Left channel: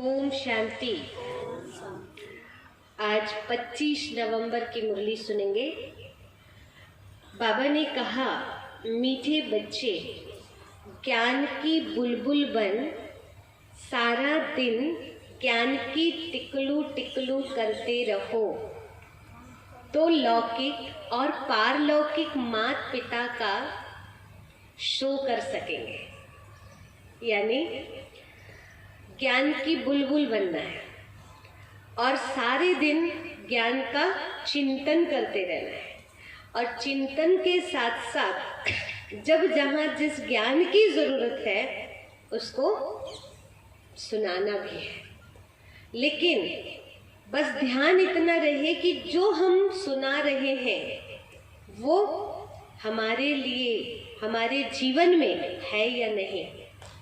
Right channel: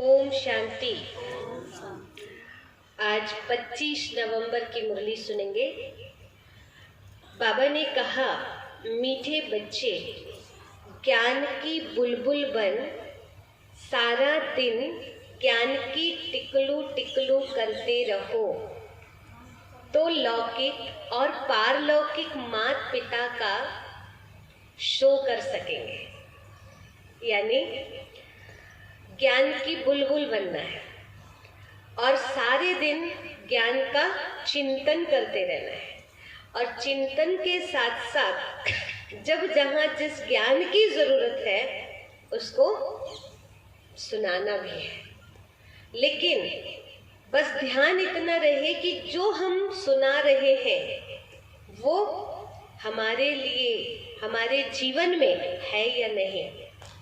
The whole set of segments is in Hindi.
ओम शांति। आज 25 नवंबर की मुरली सुनेंगे। बाबा ने कहा, मीठे बच्चे ज्ञान की बुलबुल बन, सारा दिन ज्ञान की टिकलू टिकलू करते रहो तो लौकिक और पारलौकिक माता पिता का शो कर सकेंगे। यानी ज्ञान की बुलबुल बनना है और सारे दिन ज्ञान का चिंतन करते रहना है। और चिंतन के साथ साथ जब जहाँ जिस ज्ञान की जरूरत है उसको सुनाना भी है। लेकिन बस ध्यान इतना रहे कि जो हम सुना रहे हैं वो हमारे लिए, हमारे जीवन में है या नहीं,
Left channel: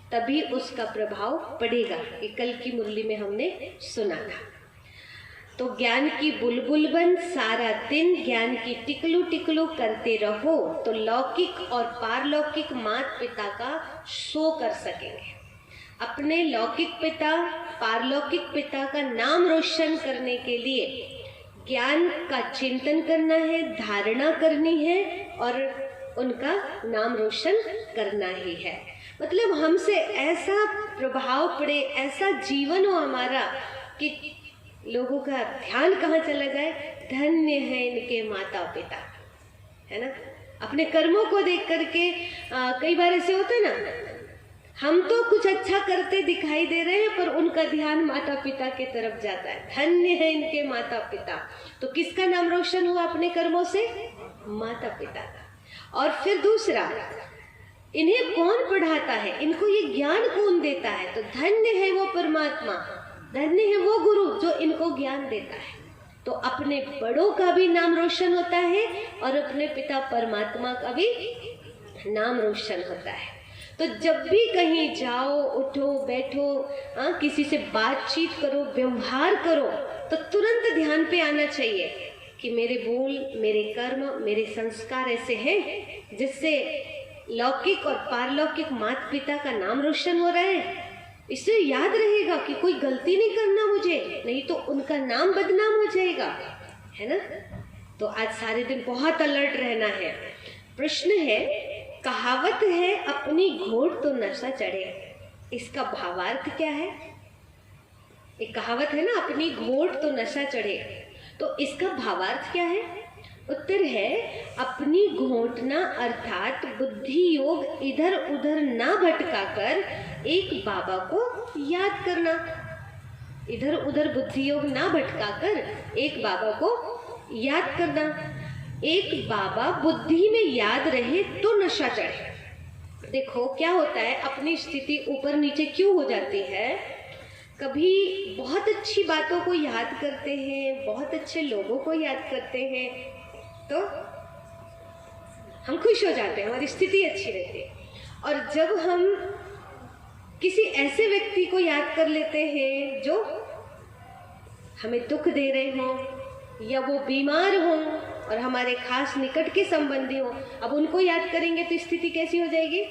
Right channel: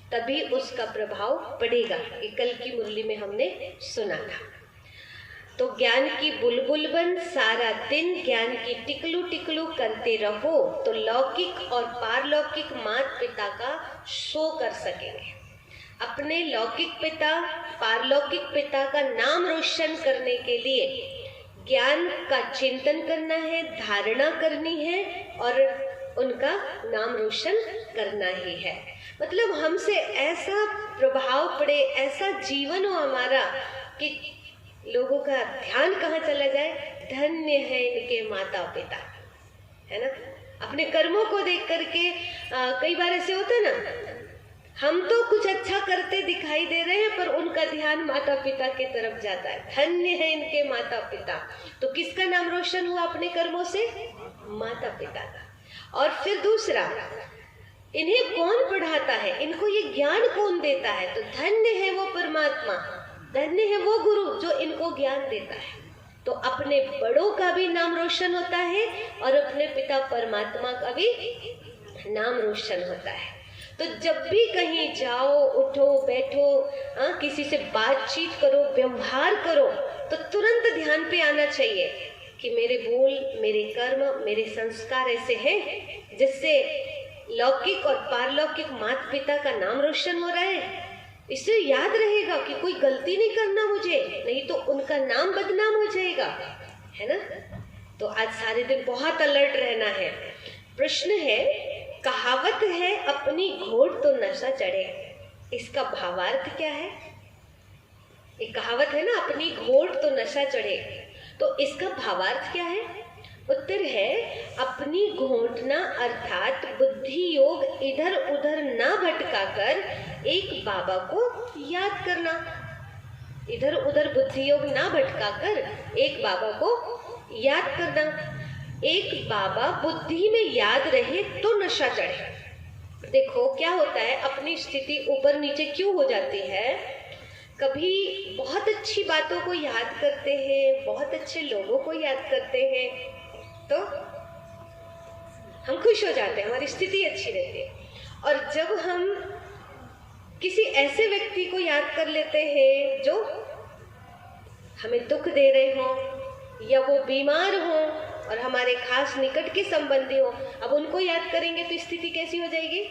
तभी उसका प्रभाव पड़ेगा। ये कल की मुरली में हमने सुना था। तो ज्ञान की बुलबुल बन, सारा दिन ज्ञान की टिकलू टिकलू करते रहो तो लौकिक और पारलौकिक माता पिता का शो कर सकेंगे। अपने लौकिक पिता, पारलौकिक पिता का नाम रोशन करने के लिए ज्ञान का चिंतन करना है, धारणा करनी है और उनका नाम रोशन करना ही है। मतलब हमसे ऐसा प्रभाव पड़े, ऐसा जीवन हो हमारा कि लोगों का ध्यान कहाँ चला जाए, धन्य है इनके माता पिता, है ना। अपने कर्मों को देख करके कई बार ऐसे होते ना, हम तो कुछ अच्छा करते दिखाई दे रहे हैं पर उनका ध्यान माता पिता के तरफ जाता है। धन्य है इनके माता पिता। तो किसका नाम रोशन हुआ अपने कर्मों से? माता पिता का। और फिर दूसरा, इन्हें कौन पढ़ाता है, इनको ये ज्ञान कौन देता है? तो धन्य है वो परमात्मा, धन्य है वो गुरु जो इनको ज्ञान देता है। तो अपने बड़ों का भी नाम रोशन होता है और अपने पिता परमात्मा का भी नाम रोशन होता है। तो जब भी कहीं जाओ, उठो, बैठो, किसी से बातचीत करो, व्यवहार करो, तो तुरंत ध्यान पे आना चाहिए कि मेरे बोल, मेरे कर्म, मेरे संस्कार ऐसे हैं जिससे लौकिक और पारलौकिक माता पिता का नाम रोशन हो रहा है। इससे याद रहेगा कि कोई गलती नहीं करना मुझे, नहीं तो उनका नाम बदनाम हो जाएगा, है ना। तो आज सारे दिन बहुत अलर्ट रहना है। प्रश्न है, कहावत है अपनी घोट तो नशा चढ़े, इसका भावार्थ क्या है? एक कहावत है ना, अपनी घोट तो नशा चढ़े, तो इसका भावार्थ क्या है? उत्तर है, अपनी घोटना अर्थात बुद्धि योग इधर उधर ना भटका कर एक बाबा को याद करना। इधर उधर बुद्धि योग ना भटका कर एक बाबा को याद करना। एक बाबा बुद्धि में याद रहे तो नशा चढ़े। देखो क्या होता है, अपनी स्थिति ऊपर नीचे क्यों हो जाती है। कभी बहुत अच्छी बातों को याद करते हैं, बहुत अच्छे लोगों को याद करते हैं तो हम खुश हो जाते हैं, हमारी स्थिति अच्छी रहती है। और जब हम किसी ऐसे व्यक्ति को याद कर लेते हैं जो हमें दुख दे रहे हो या वो बीमार हो और हमारे खास निकट के संबंधी हो, अब उनको याद करेंगे तो स्थिति कैसी हो जाएगी?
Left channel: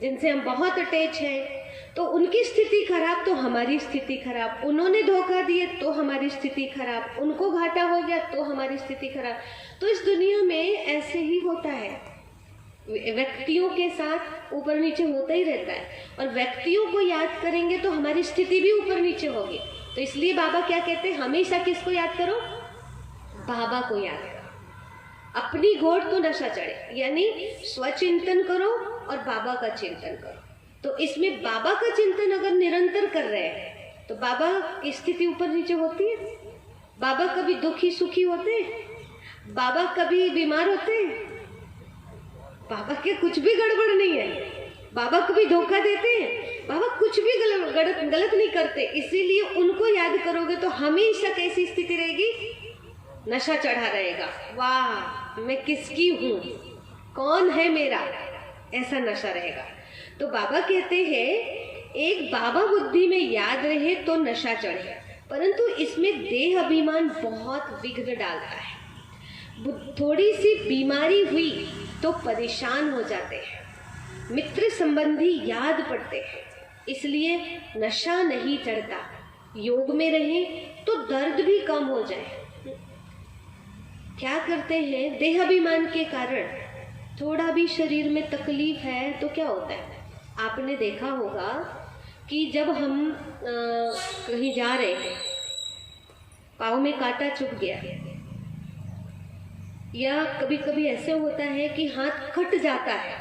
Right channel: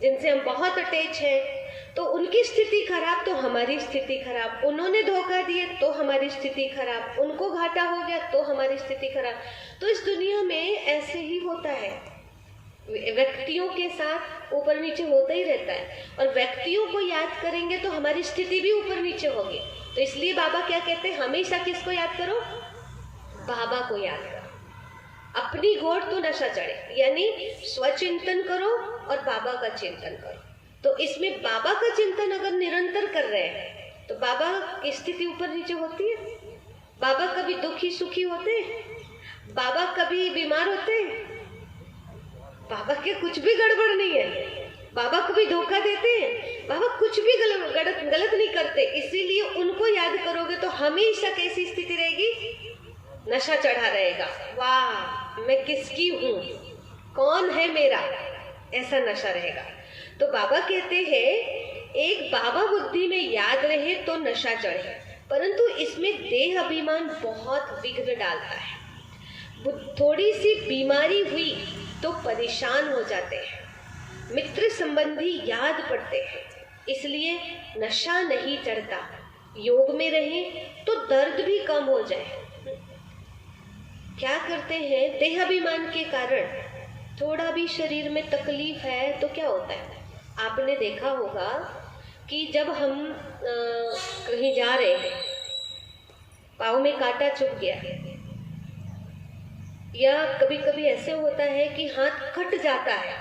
जिनसे हम बहुत अटैच हैं तो उनकी स्थिति खराब तो हमारी स्थिति खराब, उन्होंने धोखा दिए तो हमारी स्थिति खराब, उनको घाटा हो गया तो हमारी स्थिति खराब। तो इस दुनिया में ऐसे ही होता है, व्यक्तियों के साथ ऊपर नीचे होता ही रहता है। और व्यक्तियों को याद करेंगे तो हमारी स्थिति भी ऊपर नीचे होगी। तो इसलिए बाबा क्या कहते हैं, हमेशा किसको याद करो? बाबा को याद करो। अपनी घोट तो नशा चढ़े, यानी स्वचिंतन करो और बाबा का चिंतन करो। तो इसमें बाबा का चिंतन अगर निरंतर कर रहे हैं तो बाबा की स्थिति ऊपर नीचे होती है। बाबा कभी दुखी सुखी होते हैं? बाबा कभी बीमार होते हैं? बाबा के कुछ भी गड़बड़ नहीं है। बाबा कभी धोखा देते हैं? बाबा कुछ भी गलत नहीं करते। इसीलिए उनको याद करोगे तो हमेशा कैसी स्थिति रहेगी? नशा चढ़ा रहेगा। वाह, मैं किसकी हूँ, कौन है मेरा, ऐसा नशा रहेगा। तो बाबा कहते हैं, एक बाबा बुद्धि में याद रहे तो नशा चढ़े, परंतु इसमें देह अभिमान बहुत विघ्न डालता है। थोड़ी सी बीमारी हुई तो परेशान हो जाते हैं, मित्र संबंधी याद पड़ते हैं, इसलिए नशा नहीं चढ़ता। योग में रहे तो दर्द भी कम हो जाए। क्या करते हैं, देहाभिमान के कारण थोड़ा भी शरीर में तकलीफ है तो क्या होता है, आपने देखा होगा कि जब हम कहीं जा रहे हैं, पाँव में कांटा चुभ गया, या कभी कभी ऐसे होता है कि हाथ कट जाता है,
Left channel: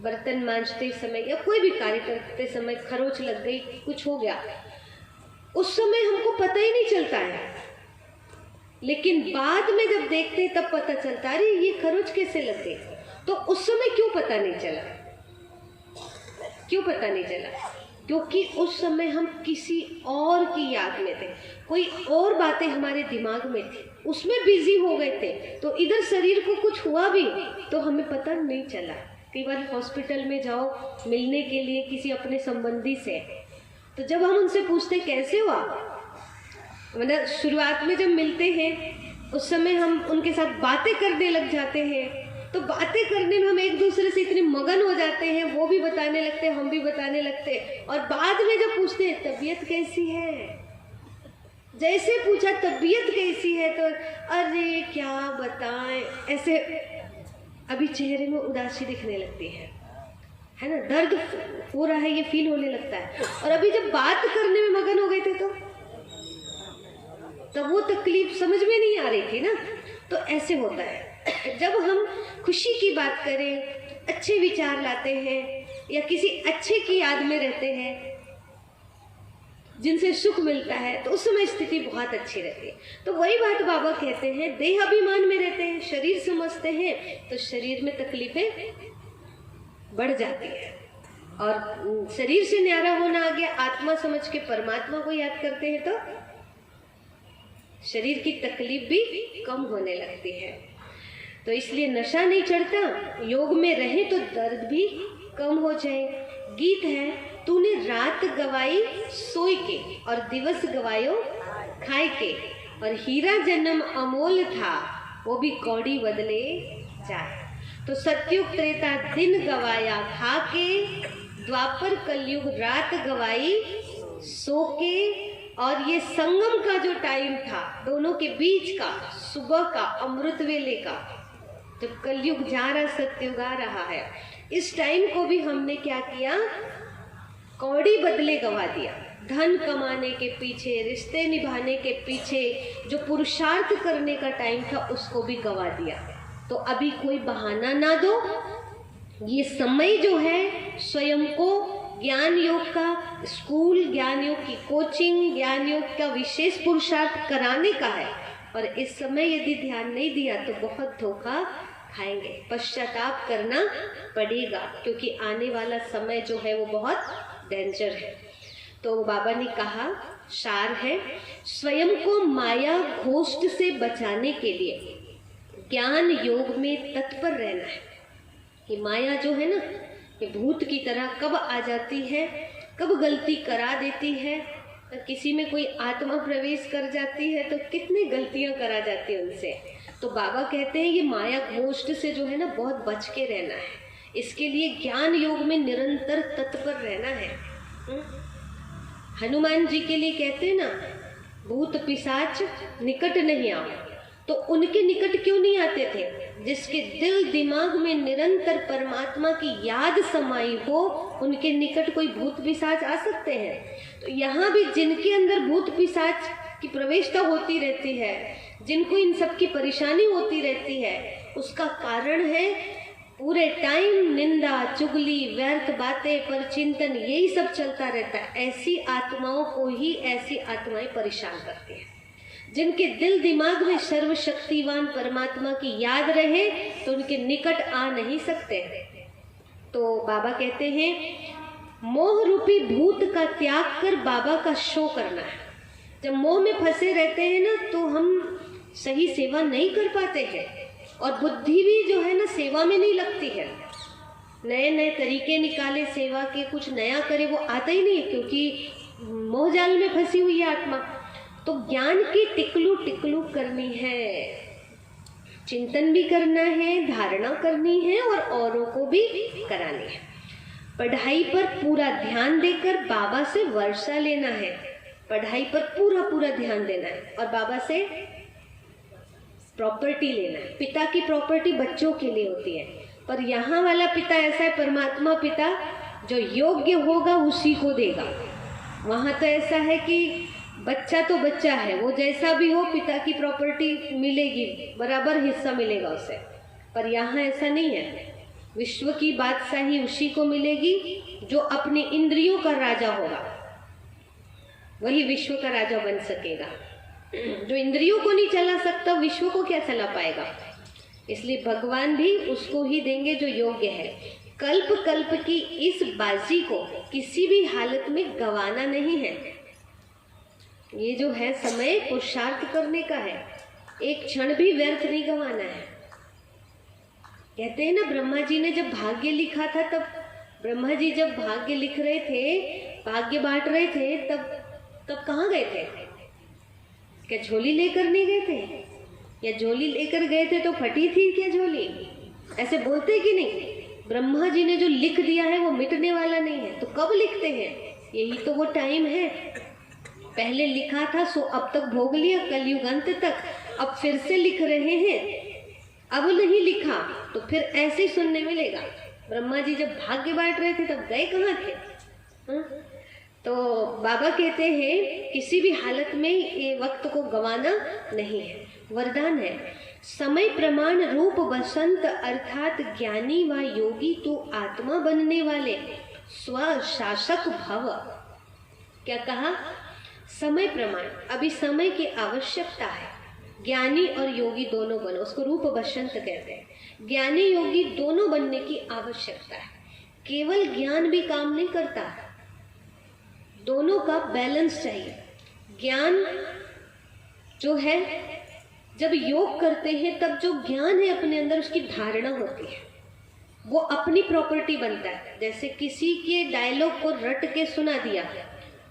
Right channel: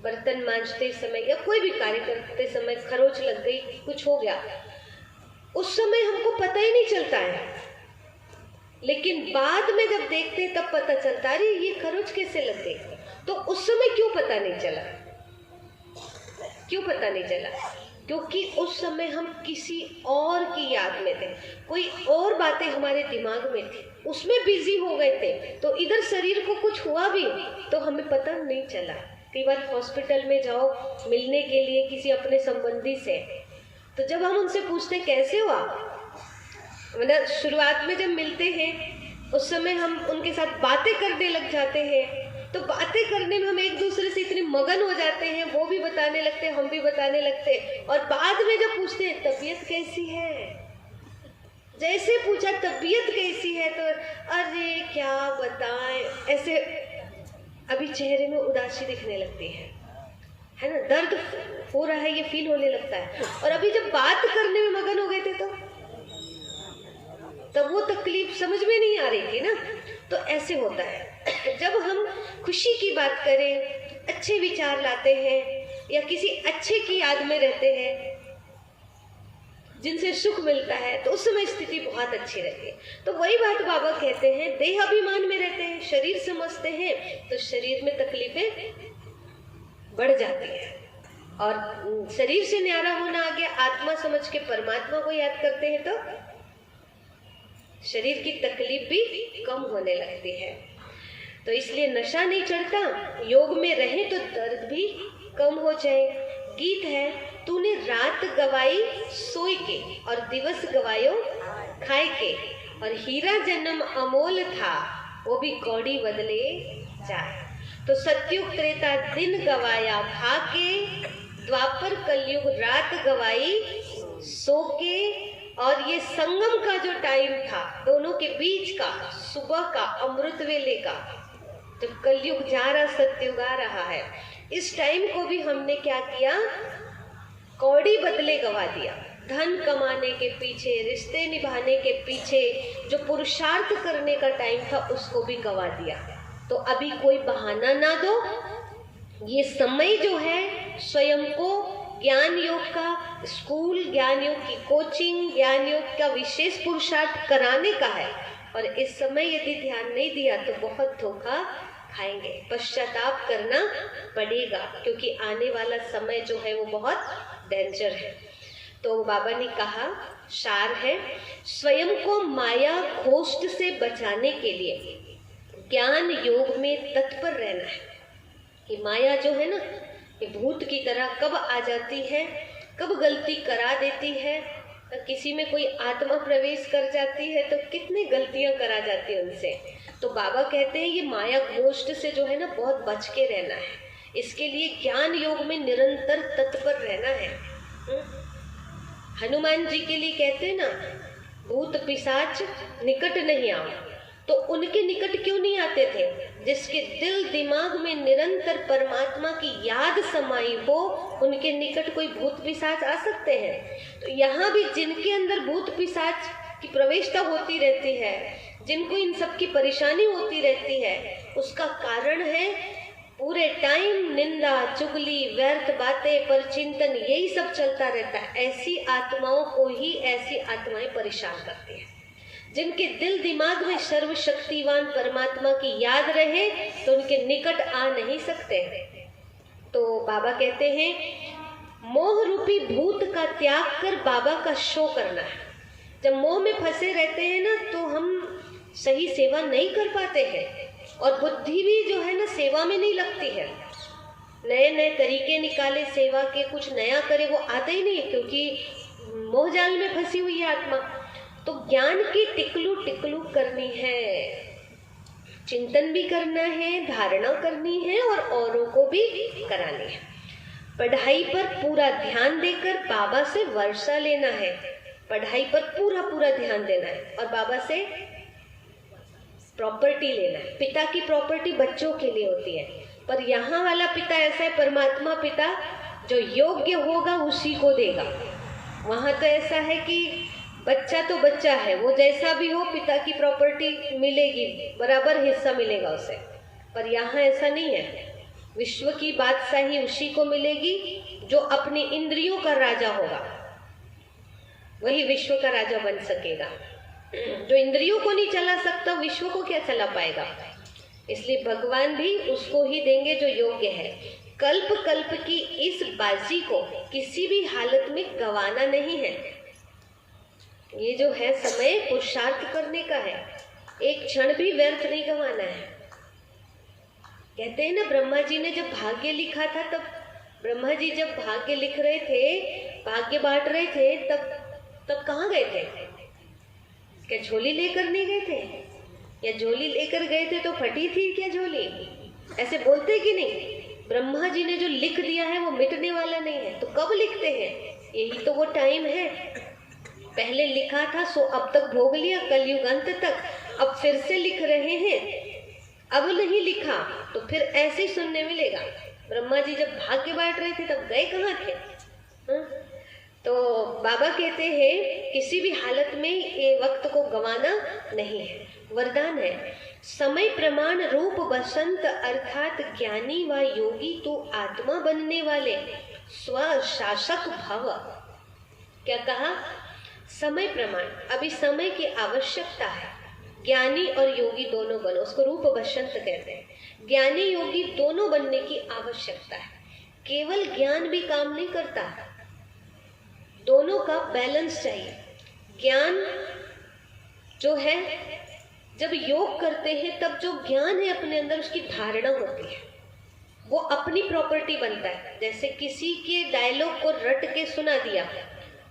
बर्तन मांजते समय या कोई भी कार्य करते समय खरोच लग गई, कुछ हो गया, उस समय हमको पता ही नहीं चलता है, लेकिन बाद में जब देखते हैं तब पता चलता है, अरे ये खरोच कैसे लग गई। तो उस समय क्यों पता नहीं चला, क्यों पता नहीं चला? क्योंकि उस समय हम किसी और की याद में थे, कोई और बातें हमारे दिमाग में थी, उसमें बिजी हो गए थे, तो इधर शरीर को कुछ हुआ भी तो हमें पता नहीं चला। कई बार हॉस्पिटल में जाओ मिलने के लिए किसी अपने संबंधी से, तो जब हम उनसे पूछते कैसे हुआ, मतलब शुरुआत में जब मिलते हैं उस समय हम उनके साथ बातें करने लग जाते हैं, तो बातें करने में हम एक दूसरे से इतने मगन हो जाते हैं, वो भी बताने लगते हैं, हम भी बताने लगते हैं, और बाद में जब पूछते हैं तबीयत कैसी है, जैसे पूछा तबीयत कैसी है तो अरे क्या बताएं, ऐसे अभी चेहरे में उदासी दिखने लगती है ना, दर्द हो रहा है ये फील होने लगता है। और अभी जब बात करने में मगन हो गए थे तो तब वो तकलीफ समझ में नहीं आ रही थी ना। तो ऐसे होता है, जब हम खुशी की बात करें, अच्छे विचार लाते हैं या किसी अच्छे की याद में रहते हैं जिनसे सुख मिलता है, तो उस समय स्थिति बहुत अच्छी रहती है। तो वही बात बाबा कहते हैं, देहाभिमान में रहते हैं, शरीर समझते हैं तो शरीर में तकलीफें बढ़ जाती है, और शरीर से न्यारा होना आ गया, आत्मा समझ के परमात्मा को याद करते हैं तो शरीर की तकलीफ भी कम होने लगती है। तो इसलिए नशा नहीं चढ़ता, योग में रहे तो दर्द भी कम हो जाए। गीत है, तूने रात गवाई सोई के और दिवस गवायो खाए के, और हीरा जन्म अमोल था वो भी कौड़ी बदले जाए। तो सतयुग त्रेता दिन गवाया खा के, द्वापर कलयुग रात गवाई सो के, और ये संगम का जो टाइम था दोनों के बीच का, सुबह का अमृत वेले का, तो कलयुग जा रहा सतयुग आ रहा है, इस टाइम को भी हमने क्या किया, कौड़ी बदले गवा दिया। धन कमाने के पीछे, रिश्ते निभाने के पीछे जो पुरुषार्थ करने का टाइम था उसको भी गवा दिया। तो अभी कोई बहाना ना दो, ये समय जो है स्वयं को ज्ञान योग का स्कूल, ज्ञान योग की कोचिंग, ज्ञान योग का विशेष पुरुषार्थ कराने का है, और इस समय यदि ध्यान नहीं दिया तो बहुत धोखा खाएंगे, पश्चाताप करना पड़ेगा, क्योंकि आने वाला समय जो है वो बहुत डेंजर है। तो बाबा ने कहा, सार है, स्वयं को माया घोष्ट से बचाने के लिए ज्ञान योग में तत्पर रहना है। कि माया जो है ना, ये भूत की तरह कब आ जाती है, कब गलती करा देती है, किसी में कोई आत्मा प्रवेश कर जाती है तो कितनी गलतियां करा जाती है उनसे। तो बाबा कहते हैं ये माया घोष्ट से जो है ना बहुत बच के रहना है, इसके लिए ज्ञान योग में निरंतर तत्पर रहना है। हनुमान जी के लिए कहते हैं ना, भूत पिशाच निकट नहीं आओ, तो उनके निकट क्यों नहीं आते थे? जिसके दिल दिमाग में निरंतर परमात्मा की याद समाई हो, उनके निकट कोई भूत पिशाच आ सकते हैं। तो यहाँ भी जिनके अंदर भूत पिशाच की प्रवेशता होती रहती है, जिनको इन सब की परेशानी होती रहती है, उसका कारण है पूरे टाइम निंदा, चुगली, व्यर्थ बातें, पर चिंतन, यही सब चलता रहता है। ऐसी आत्माओं को ही ऐसी आत्माएं परेशान करती हैं। जिनके दिल दिमाग में सर्वशक्तिवान परमात्मा की याद रहे तो उनके निकट आ नहीं सकते। तो बाबा कहते हैं, मोह रूपी भूत का त्याग कर बाबा का शो करना है। जब मोह में फंसे रहते हैं ना, तो हम सही सेवा नहीं कर पाते हैं, और बुद्धि भी जो है ना सेवा में नहीं लगती है। नए नए तरीके निकाले सेवा के, कुछ नया करे, वो आता ही नहीं, क्योंकि मोह जाल में फंसी हुई है आत्मा। तो ज्ञान की टिकलू टिकलू करनी है, चिंतन भी करना है, धारणा करनी है, और औरों को भी करानी है। पढ़ाई पर पूरा ध्यान देकर बाबा से वर्षा लेना है। पढ़ाई पर पूरा पूरा ध्यान देना है और बाबा से प्रॉपर्टी लेना है। पिता की प्रॉपर्टी बच्चों के लिए होती है, पर यहाँ वाला पिता ऐसा है, परमात्मा पिता, जो योग्य होगा उसी को देगा। वहाँ तो ऐसा है कि बच्चा तो बच्चा है, वो जैसा भी हो पिता की प्रॉपर्टी मिलेगी, बराबर हिस्सा मिलेगा उसे। पर यहाँ ऐसा नहीं है। विश्व की बादशाही उसी को मिलेगी जो अपनी इंद्रियों का राजा होगा, वही विश्व का राजा बन सकेगा। जो इंद्रियों को नहीं चला सकता, विश्व को क्या चला पाएगा? इसलिए भगवान भी उसको ही देंगे जो योग्य है। कल्प कल्प की इस बाजी को किसी भी हालत में गंवाना नहीं है। ये जो है समय पुरुषार्थ करने का है, एक क्षण भी व्यर्थ नहीं गंवाना है। कहते हैं ना, ब्रह्मा जी ने जब भाग्य लिखा था, तब ब्रह्मा जी जब भाग्य लिख रहे थे, भाग्य बांट रहे थे, तब कहाँ गए थे? क्या झोली लेकर नहीं गए थे? या झोली लेकर गए थे तो फटी थी क्या झोली? ऐसे बोलते कि नहीं? ब्रह्मा जी ने जो लिख दिया है वो मिटने वाला नहीं है, तो कब लिखते हैं? यही तो वो टाइम है। पहले लिखा था सो अब तक भोग लिया, कलयुग अंत तक, अब फिर से लिख रहे हैं। अब नहीं लिखा तो फिर ऐसे ही सुनने मिलेगा। ब्रह्मा जी जब भाग्य बांट रहे थे तब गए कहाँ थे? तो बाबा कहते हैं किसी भी हालत में ये वक्त को गंवाना नहीं है, वरदान है। समय प्रमाण रूप बसंत अर्थात ज्ञानी व योगी तू आत्मा बनने वाले स्वशासक भव। क्या कहा? समय प्रमाण, अभी समय की आवश्यकता है। ज्ञानी और योगी दोनों बनो, उसको रूप बसंत कहते हैं। ज्ञानी योगी दोनों बनने की आवश्यकता है। केवल ज्ञान भी काम नहीं करता, दोनों का बैलेंस चाहिए। ज्ञान जो है, जब योग करते हैं तब जो ज्ञान है अपने अंदर, उसकी धारणा होती है, वो अपनी प्रॉपर्टी बनता है। जैसे किसी के डायलॉग को रट के सुना दिया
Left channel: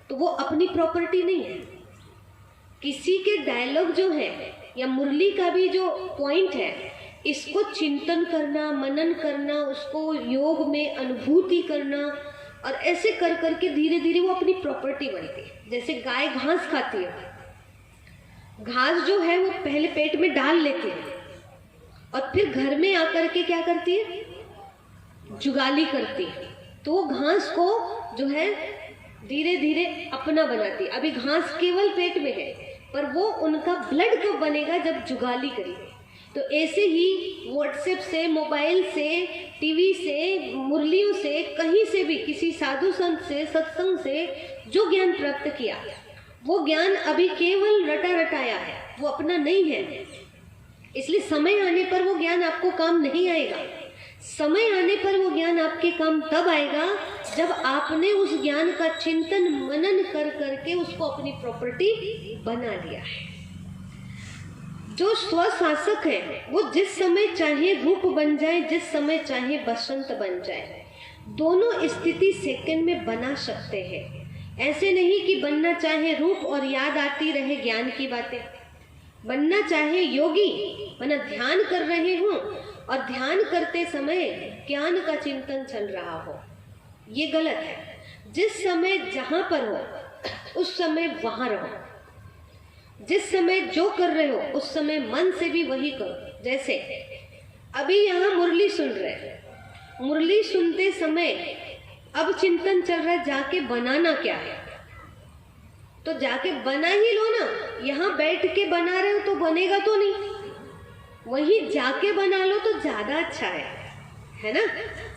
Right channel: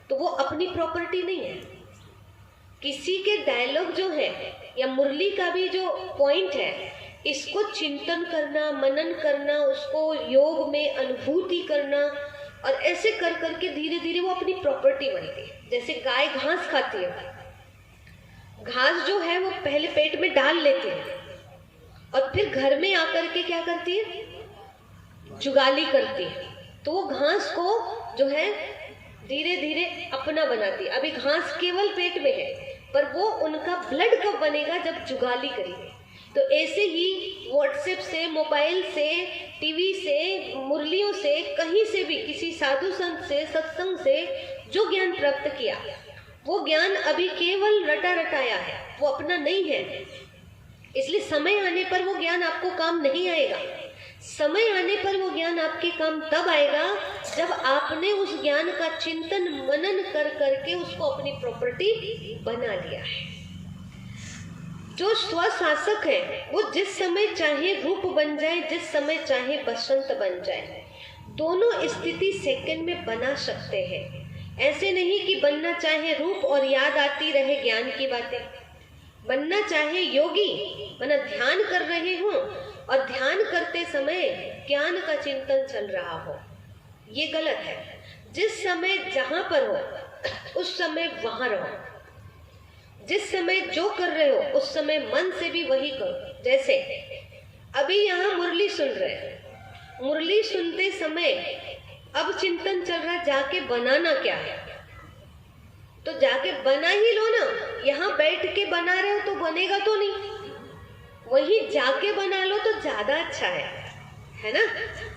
तो वो अपनी प्रॉपर्टी नहीं है। किसी के डायलॉग जो है या मुरली का भी जो पॉइंट है, इसको चिंतन करना, मनन करना, उसको योग में अनुभूति करना, और ऐसे कर करके धीरे धीरे वो अपनी प्रॉपर्टी बनती है। जैसे गाय घास खाती है, घास जो है वो पहले पेट में डाल लेती है और फिर घर में आकर के क्या करती है? जुगाली करती है। तो वो घास को जो है धीरे धीरे अपना बनाती है। अभी घास केवल पेट में है, पर वो उनका ब्लड कब बनेगा? जब जुगाली करेगी। तो ऐसे ही व्हाट्सएप से, मोबाइल से, टीवी से, मुरलियों से, कहीं से भी, किसी साधु संत से, सत्संग से जो ज्ञान प्राप्त किया, वो ज्ञान अभी केवल रटा रटाया है, वो अपना नहीं है। इसलिए समय आने पर वो ज्ञान आपको काम नहीं आएगा। समय आने पर वो ज्ञान आपके काम तब आएगा जब आपने उस ज्ञान का चिंतन मनन कर करके उसको अपनी प्रॉपर्टी बना लिया है। जो स्वशासक है वो जिस समय चाहे रूप बन जाए, जिस समय चाहे बसंत बन जाए, दोनों स्थिति सेकंड में बना सकते हैं। ऐसे नहीं कि बनना चाहे रूप और याद आती रहे ज्ञान की बातें, बनना चाहे योगी, वरना ध्यान कर रहे हो और ध्यान करते समय ज्ञान का चिंतन चल रहा हो, ये गलत है। जिस समय जहां पर हो उस समय वहां रहो। जिस समय जो कर रहे हो उस समय मन से भी वही करो। जैसे अभी यहाँ मुरली सुन रहे हैं, मुरली सुनते समय अब चिंतन चल रहा है जाके बनाना क्या है, तो जाके बना ही लो ना। यहाँ बैठ के बना रहे हो तो बनेगा तो नहीं, वही जाके बना लो तो ज्यादा अच्छा है ना।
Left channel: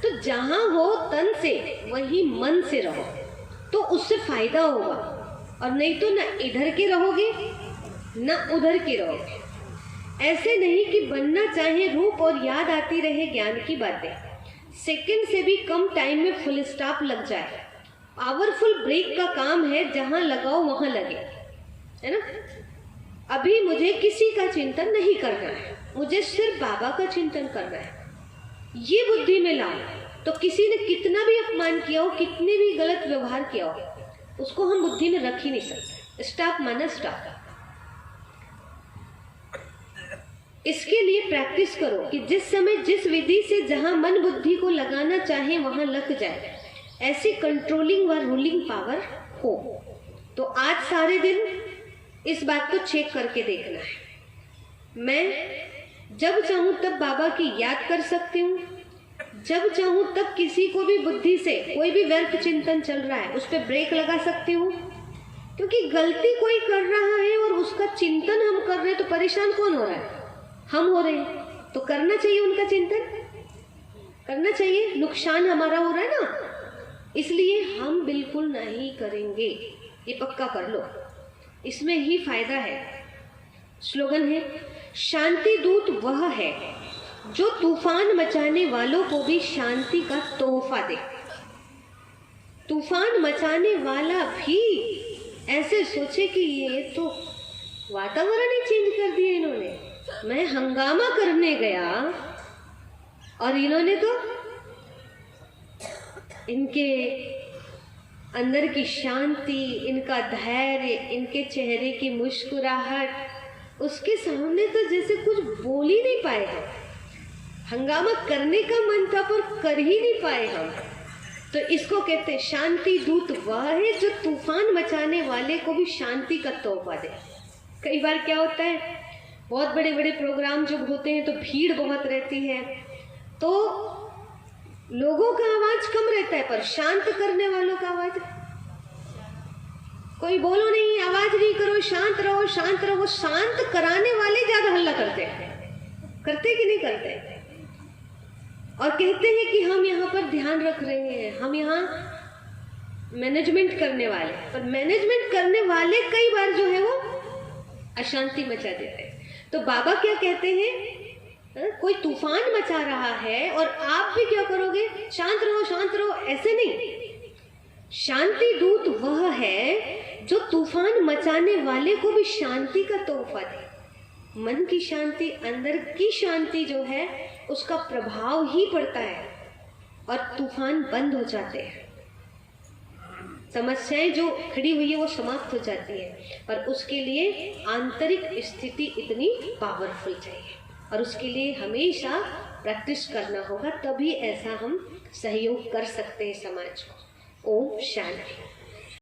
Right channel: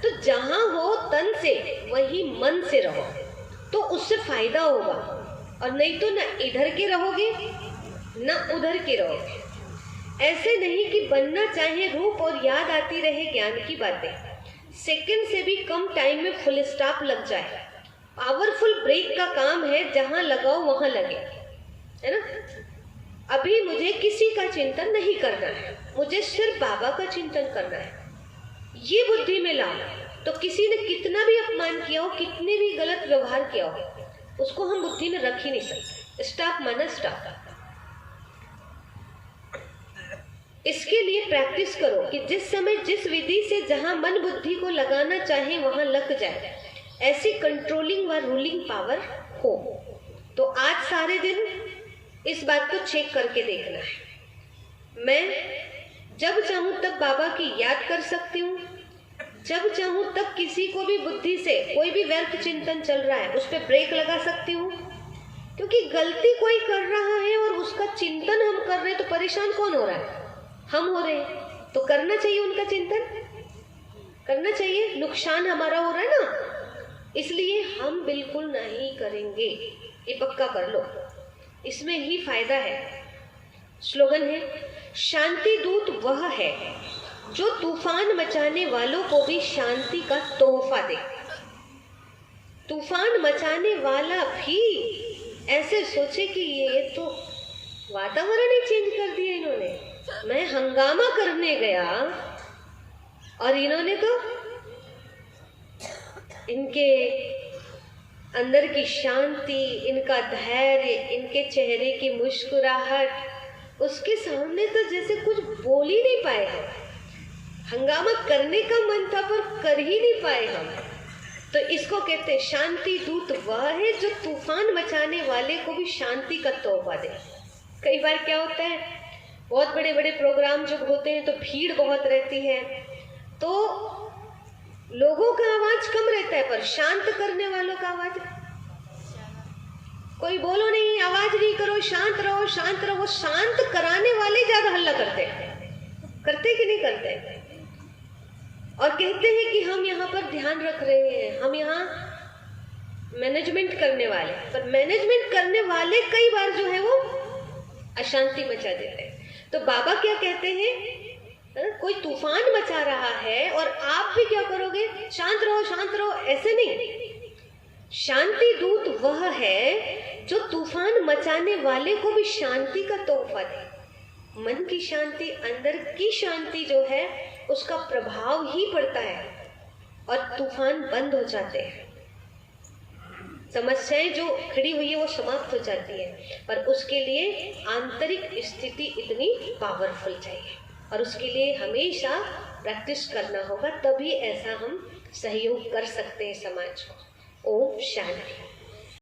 तो जहां हो तन से, वही मन से रहो तो उससे फायदा होगा, और नहीं तो ना इधर के रहोगे ना उधर के रहोगे। ऐसे नहीं कि बनना चाहे रूप और याद आती रहे ज्ञान की बातें, सेकंड से भी कम टाइम में फुल स्टॉप लग जाए। पावरफुल ब्रेक का काम है, जहां लगाओ वहां लगे, है ना। अभी मुझे किसी का चिंतन नहीं करना है, मुझे सिर्फ बाबा का चिंतन करना है, ये बुद्धि में लाओ। तो किसी ने कितना भी अपमान किया हो, कितने भी गलत व्यवहार किया हो, उसको हम बुद्धि में रख ही नहीं सकते। स्टॉप माना स्टॉप। इसके लिए प्रैक्टिस करो कि जिस समय जिस विधि से जहां मन बुद्धि को लगाना चाहे वहां लग जाए। ऐसी कंट्रोलिंग व रूलिंग पावर हो। तो आज सारे दिन इस बात को चेक करके देखना है। मैं जब चाहूं तब बाबा की याद कर सकती हूँ, जब चाहूं तब किसी को भी बुद्धि से कोई भी व्यर्थ चिंतन चल रहा है उस पर ब्रेक लगा सकती हूँ। क्योंकि गलती कोई कर रहा है और उसका चिंतन हम कर रहे हैं, तो परेशान कौन हो रहा है? हम हो रहे हैं। तो करना चाहिए, उनका चिंतन करना चाहिए। नुकसान हमारा हो रहा है ना, इसलिए हम बिल्कुल नहीं करेंगे, ये पक्का कर लो, इसमें ही फायदा है। स्लोगन है, शांति दूत वह है जो तूफान मचाने वालों को भी शांति का तोहफा दे। तूफान मचाने वाला भी ऐसे सोचे कि ये तो वातावरण ही चेंज कर दिया इन्होंने, मैं हंगामा करने गया और इन्होंने तो इनके अंदर की शांति, इनका धैर्य, इनके चेहरे की मुस्कुराहट, उसके सामने तो जैसे कुछ बोल ही नहीं पाए हम। हंगामा करने का मन था पर कर ही नहीं पाए हम। तो इसको कहते हैं शांति दूत वह है जो तूफान मचाने वाले को भी शांति का तोहफा दे। कई बार क्या होता है, बहुत बड़े बड़े प्रोग्राम जब होते हैं तो भीड़ बहुत रहती है, तो लोगों का आवाज कम रहता है पर शांत करने वालों का आवाज, कोई बोलो नहीं, आवाज नहीं करो, शांत रहो शांत रहो। शांत कराने वाले ज्यादा हल्ला करते कि नहीं करते? और कहते हैं कि हम यहाँ पर ध्यान रख रहे हैं, हम यहाँ मैनेजमेंट करने वाले, पर मैनेजमेंट करने वाले कई बार जो है वो अशांति मचा देते हैं। तो बाबा क्या कहते हैं, कोई तूफान मचा रहा है और आप भी क्या करोगे, शांत रहो, ऐसे नहीं। शांति दूत वह है जो तूफान मचाने वाले को भी शांति का तोहफा दे। मन की शांति, अंदर की शांति जो है उसका प्रभाव ही पड़ता है और तूफान बंद हो जाते हैं। समस्याएं जो खड़ी हुई है वो समाप्त हो जाती है, पर उसके लिए आंतरिक स्थिति इतनी पावरफुल चाहिए और उसके लिए हमेशा प्रैक्टिस करना होगा, तभी ऐसा हम सहयोग कर सकते हैं समाज को। ओम शांति।